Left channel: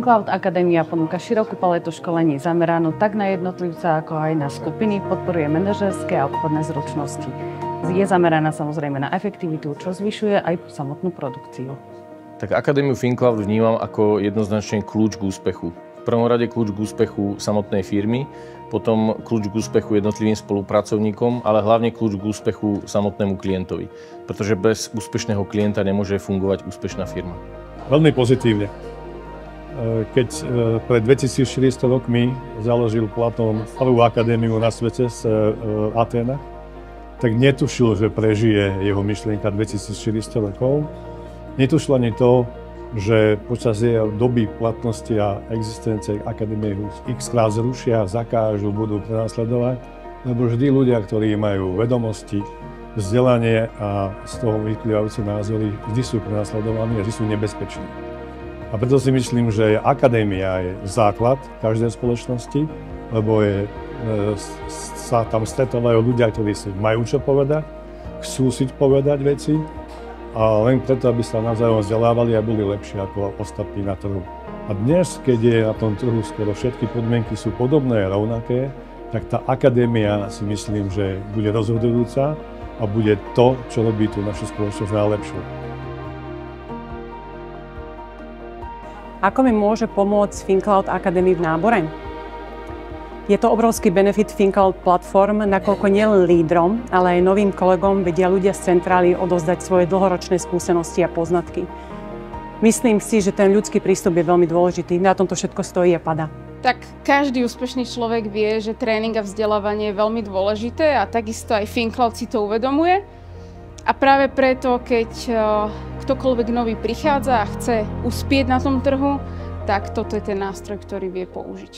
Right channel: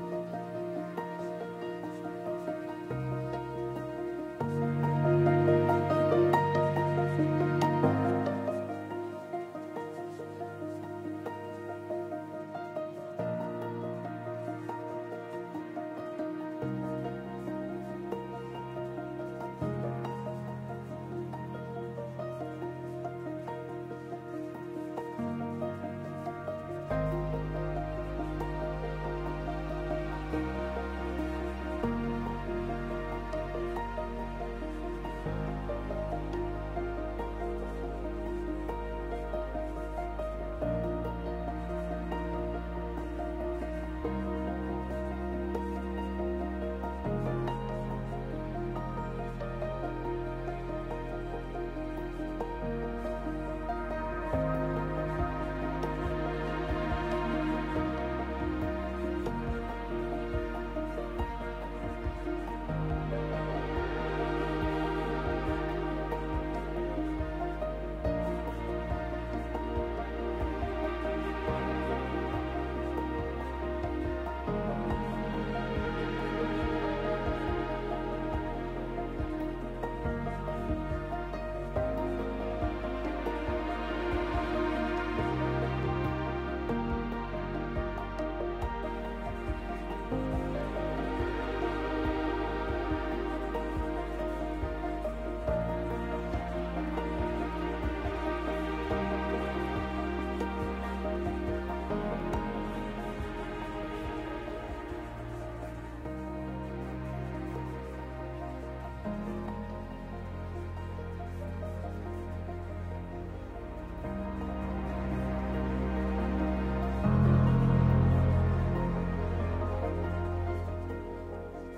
FinCloud Akadémia ponúka širokú paletu školení zameranú tak na jednotlivca, ako aj na skupiny, podporuje manažerské a obchodné zručnosti. Je zameraná samozrejme na efektivitu, čo zvyšuje aj samotnú produkciu. Tak Akadémiu FinCloud vnímam ako jednoznačne kľúč k úspechu. V prvom rade kľúč k úspechu samotnej firmy, potom kľúč k úspechu jednotlivým spolupracovníkom, ale hlavne kľúč k úspechu samotnému klientovi. Pretože bez úspešného klienta nemôže fungovať úspešná firma. Veľmi pozitívne. Keď pred 2400 rokmi založil Platón prvú akadémiu na svete z Aténa, tak netušil, že prežije jeho myšlienka 2400 rokov. Netušil ani to, že počas jeho doby platnosti a existencie akadémie x-krát zrušia, zakážu, budú prenasledovať, lebo vždy ľudia, ktorí majú vedomosti, vzdelanie a z toho vyplývajúce názory, vždy sú prenasledovaní a vždy sú nebezpeční. A preto si myslím, že akadémia je základ každej spoločnosti, lebo sa tam stretávajú ľudia, ktorí si majú čo povedať, chcú si povedať veci a len preto, aby sa navzájom vzdelávali a boli lepší ako ostatní na trhu. A dnes, keď je na tom trhu skoro všetky podmienky sú podobné a rovnaké, tak tá akadémia si myslím, že bude rozhodujúca a bude to, čo robí tú našu spoločnosť najlepšiu. Ako mi môže pomôcť FinCloud Academy v nábore? Je to obrovský benefit FinCloud platform, nakoľko nielen lídrom, ale aj novým kolegom vedia ľudia z centrály odozdať svoje dlhoročné skúsenosti a poznatky. Myslím si, že ten ľudský prístup je veľmi dôležitý. Na tomto všetko stojí a padá. Tak každý úspešný človek vie, že tréning a vzdelávanie je veľmi dôležité a takisto aj FinCloud si to uvedomuje. A práve preto, keď ktokoľvek nový prichádza a chce uspieť na tom trhu, tak toto je ten nástroj, ktorý vie použiť.